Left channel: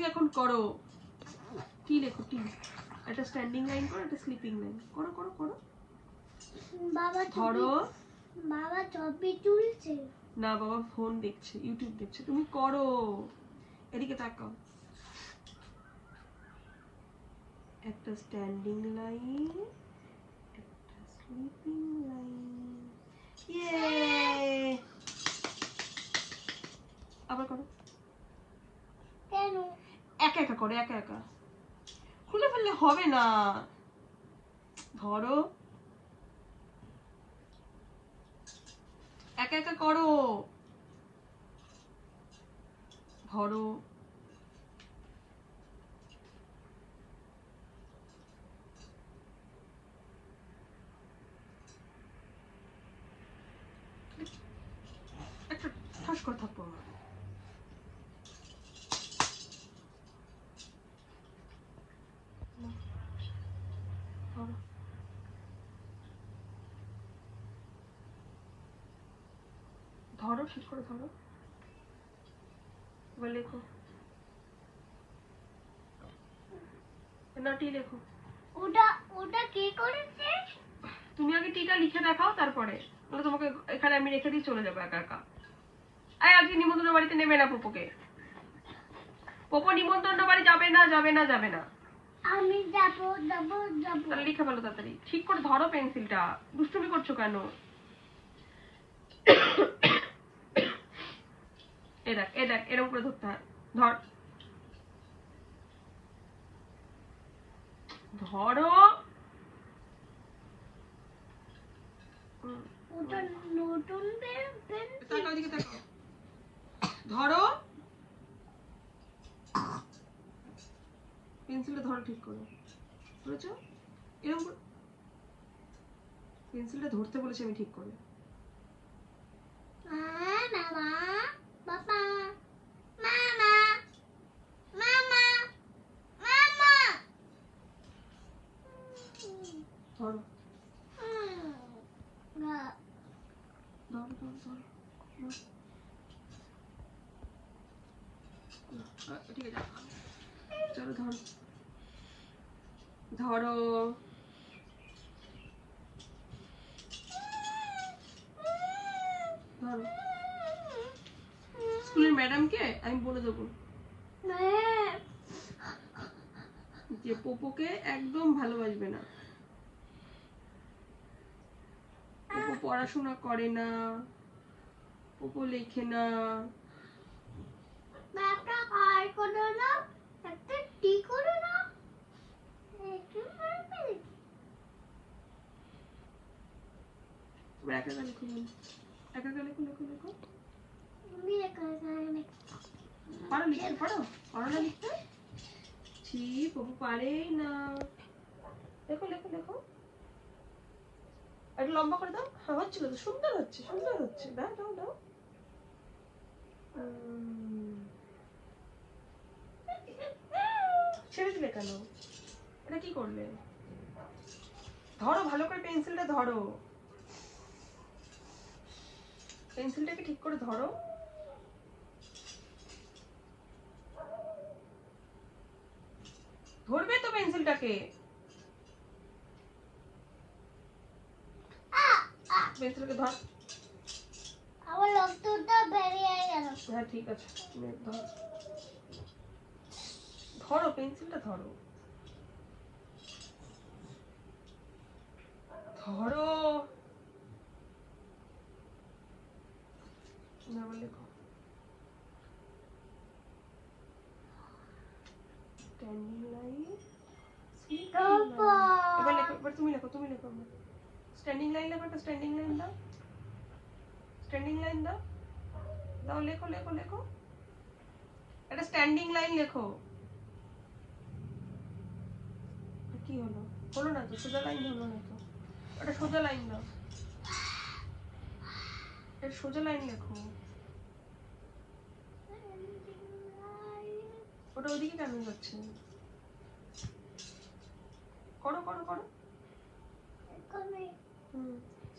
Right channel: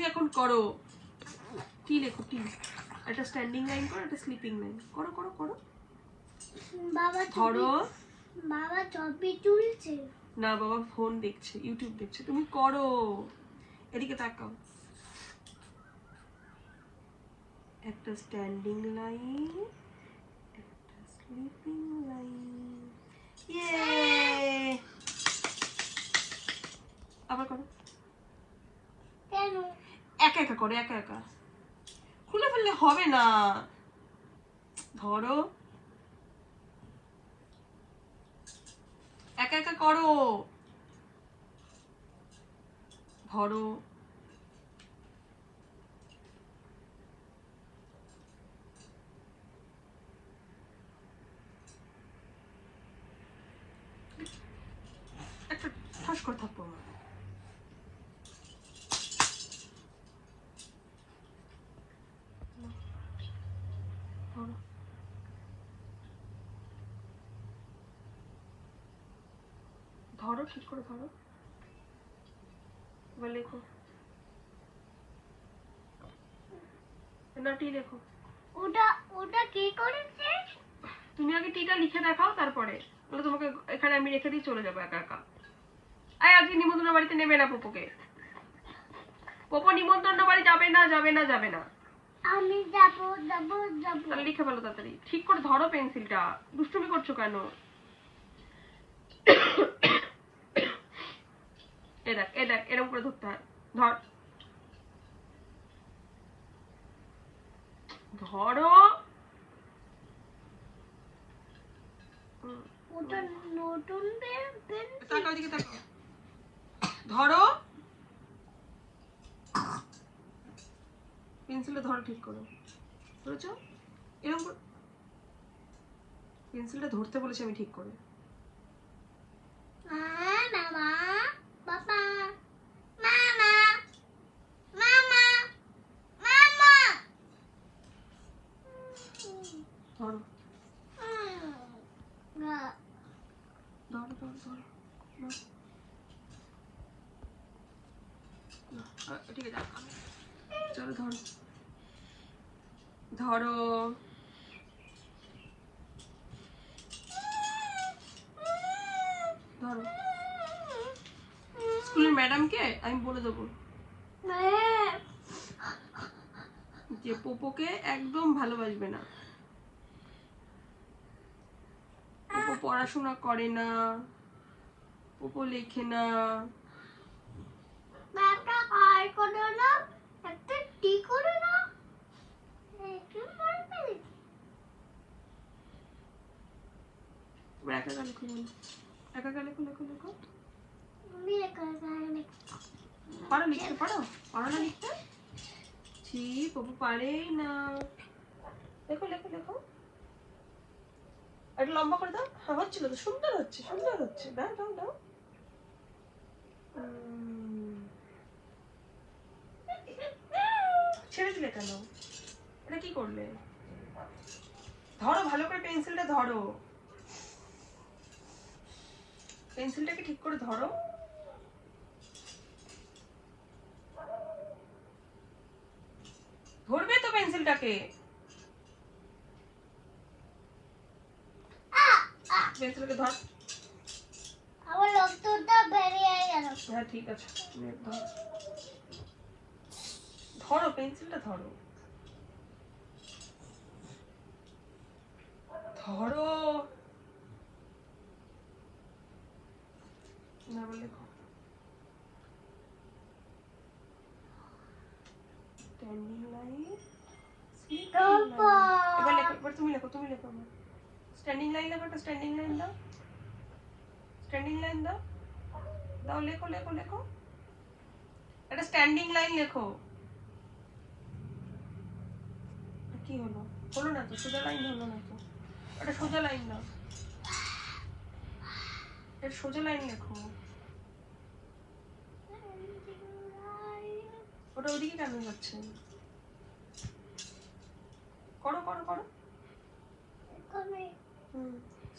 তুমি এখন করো টি লেখো টি একটা স্ট্যান্ডিং লাইন করো একটা স্লিপিং লাইন করো করো করো বাবা ধরো বাবা ছবি তুলছে না বাবা ফোন দেখছে ইউটিউব দেখছে তুমি করো এদিকে তাকাও একটা স্ট্যান্ডিং লাইন একটা স্লিপিং লাইন ইয়ে আবার করো কেন একা একা করো একা একা খুলে ফেললে হবে না ধরো একা একা করো ধরো একটা ঠাস করে থাকবো না ধরো ঠিক করে ধরো এবার লেখো না টি লেখো ওটা ওটা কি করেছে তুমি আগে টিটা লিখে দেখাও তারপরে তোমাকে এখানে আমি রেখে দিয়ে চলে যাবো একা একা আজকে নিমন্ত্রণ বাড়িতে নেবে না পোপোকে পোপো নিমন্ত্রণ বাড়ি যাবে না যাবে না যাবে না আমি যাবো যাবো যাবো লিখে ফেলো তাড়াতাড়ি ঠিক করে ধরো পেন্সিলটা দুষ্টুমি করছো কেন এ দেখ এরকম করে ধরতে হয় ধর ধরো ওটা নতুন তাকাও দিকে তাকাও ধরো পেন্সিলটা ধরো ঠিক করে বুঝেছো এরকম পেন্সিলটা ধরতে বলেছি আমি ঠিক করে মামা বাবা মামা মামা মামা ধরো না ধরো ধরো ধরো ঠিক আছে চলো ধরো ধরো ধরো স্কুলের ম্যাডামকে আমি বলে দেবো যে পোপোকে একদম ভালোবাসবে না পোপো পড়াশোনা করে না পোপো লেখে না একটা আর করো না একটা টি করো না একটু পারবে এবার একা একা লিখো একা একা লেখো লেখো লেখো আমি একা পারো লিখতে পারো পারো না লিখতে ছি পোপো পারেই না লেখো লেখো লেখো একটু লম্বা করে দাও হ্যাঁ হচ্ছিল তো সুন্দর হচ্ছে দাও দাও দাও ছেড়ে দিলে কেন এটা কি করলে ধরো ভালো করে পেন্সিলটা ধরো পেন্সিলটাকে ঠিক করে ধরো ধরবে তো পেন্সিলটাকে পেন্সিলকে ধর আমার রক্তটা বেরিয়ে গেল হ্যাঁ ঠিক আছে ধর ধরো পেন্সিলটা ধরো ধরো না লেখো স্ট্যান্ডিং লাইন এবার লেখো এবার তুমি লেখো স্ট্যান্ডিং লাইন লেখো একটা স্ট্যান্ডিং লাইন দাও দাও লেখো লেখো লেখো একটা স্ট্যান্ডিং লাইন লেখো কি হলো না তো সোজা লাইন হলো না তো একটা সোজা লাইন দাও একটা সোজা লাইন লেখো ওটা ওদিকে কেন যাচ্ছে করো করো করো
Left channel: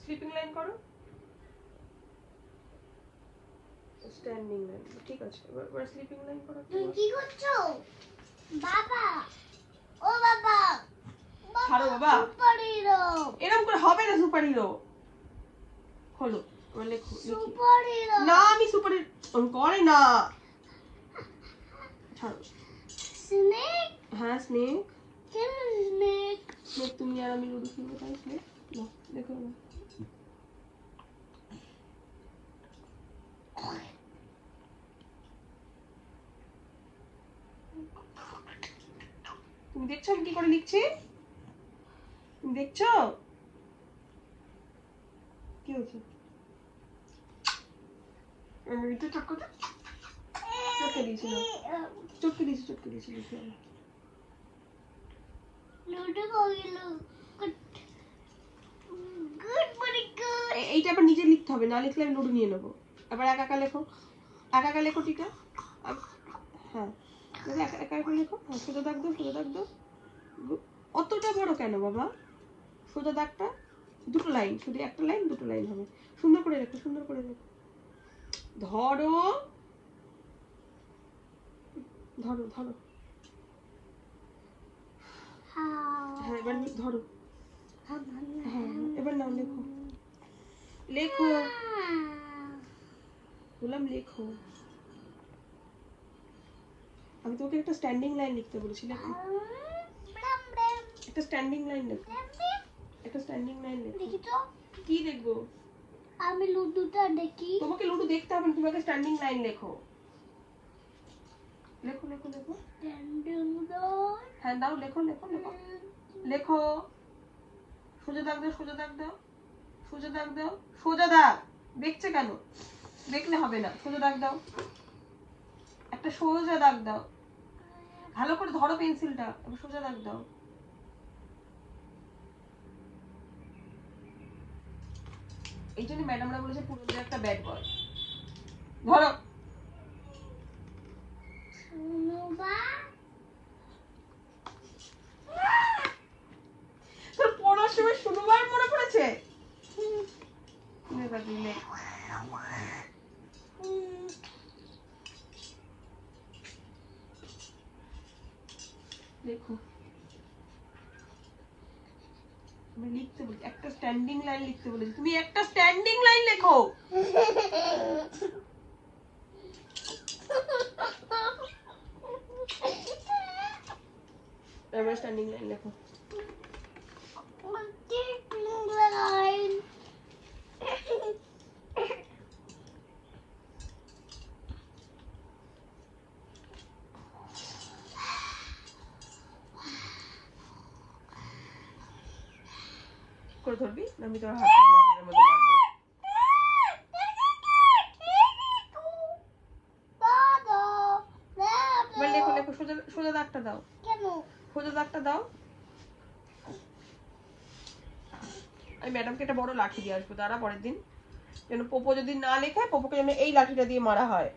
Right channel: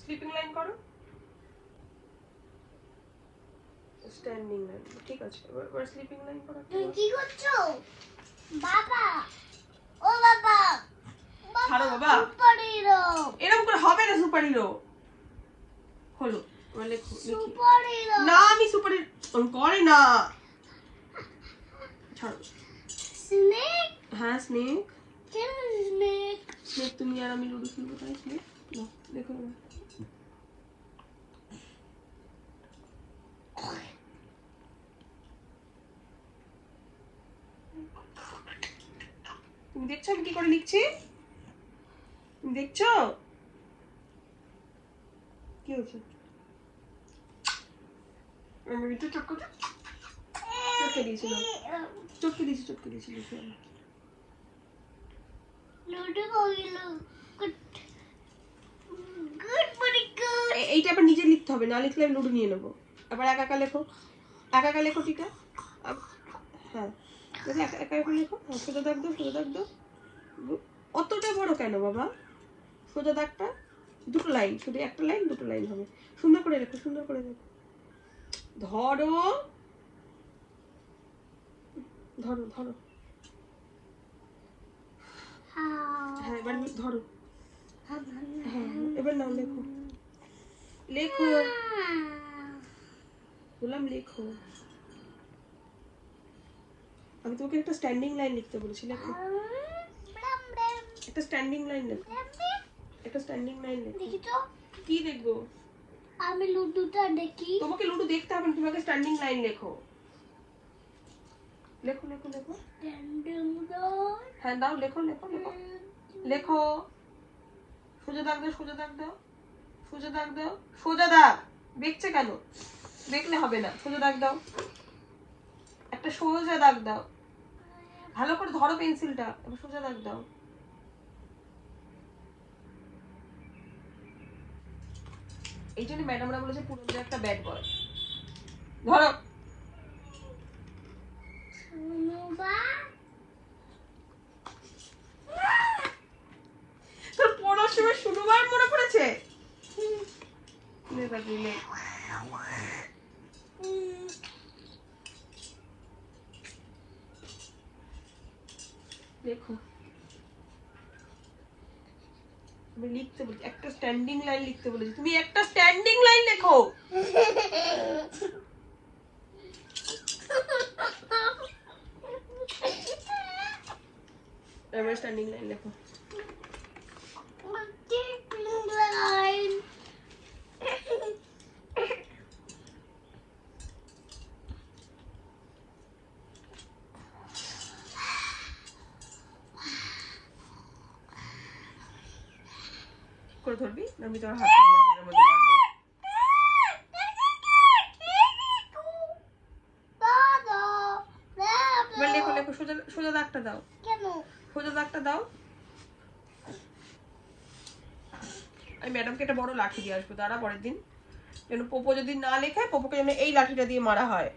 স্লিপিং লাইন করো স্ট্যান্ডিং লাইন ঠিক আছে। এবার স্লিপিং লাইন করা। তুমি কি করছো বাবা? ও বাবা, ছাড়ো বাবা, সুপার হিরো। এরকম করে হবে না সুপার হিরো। হলো, এবার লেখো। সুপার হিরো না আমি সুপার হিরো করে না। ছাড়ো। স্নেক। হ্যাঁ স্নেক। কেন স্নেক? স্নেক তুমি আর আমি লুডো খেলবো তাই স্নেক। না দেখো না। তুমি দেখছো আমি কি করে লিখছি? তুমি দেখছো কি হয়েছে? আমি একটু চটকে দিয়েছিলাম, চটকে দিয়েছি লিখে। লুডো কইলো গুড ভেরি গুড। এইটা আবার নিজে লিখতে হবে, না লিখলে আমি লুডো নিয়ে নেবো। এবার একা একা লেখো, একা একা লেখো টিকা। হ্যাঁ একা একা করে লেখো। হ্যাঁ সোজা দাগ দাও, সোজা দাগ দাও। অতটা বড় কেন বাবা? সোজা দাগটা দুটো লাইন, শুধু একটা লাইন দুটো লাইন হবে। সুন্দর করে লেখো, সুন্দর করে লেখো। ধরো ধরো ধরো। হ্যাঁ এবার ধরো। হ্যাঁ এবার নাও লেখো, লেখো বললাম লেখো। আমি তোমাকে একটা স্ট্যান্ডিং লাইন লিখতে বলেছি, লেখো একটা স্ট্যান্ডিং লাইন লেখো, একটা স্ট্যান্ডিং লাইন লেখো। দেখি তো কি দেখবো? আমি লুডোটা দেখি। তোমাকে লুডো দেখতে হবে না, তোমাকে স্ট্যান্ডিং লাইন লেখো। লেখো লেখো লেখো। হ্যাঁ দাও লেখো লেখো লেখো লেখো। সোজা দাগ দাও, সোজা দাগ দাও, সোজা দাগ দাও, সোজা দাগ। দেখছে কেন? দেখলে হবে না, সোজা দাগ দাও, একটা সোজা দাগ দাও। ভালো করে ধরো পেন্সিলটা, এবার সোজা দাগ দাও। এই জন্য ম্যাডামরা বলেছে পুরো একটা ব্যাড বয়। ধরো। তোর পড়ার সময় শুরুবার মনে পড়েছে? দেখো আমি লিখতে বলছি, একটা স্ট্যান্ডিং লাইন লিখতে বলেছি, তুমি একটা স্ট্যান্ডিং লাইন লেখো। এবার স্ট্যান্ডিং লাইন লেখো। করে ধরবি না আমি তোর হাত মধ্যে মারবো। এবার লেখো লেখো, সোজা সোজা দাগটা দাও, সোজা দাগটা দাও। আমি ম্যাডামকে একটা বড় লাঠি দিয়ে আসবো, দাঁড়া পরের দিন যেন পোপো যদি না লেখে, পোপোকে যেন এই লাঠিটা দিয়ে মারা হয়।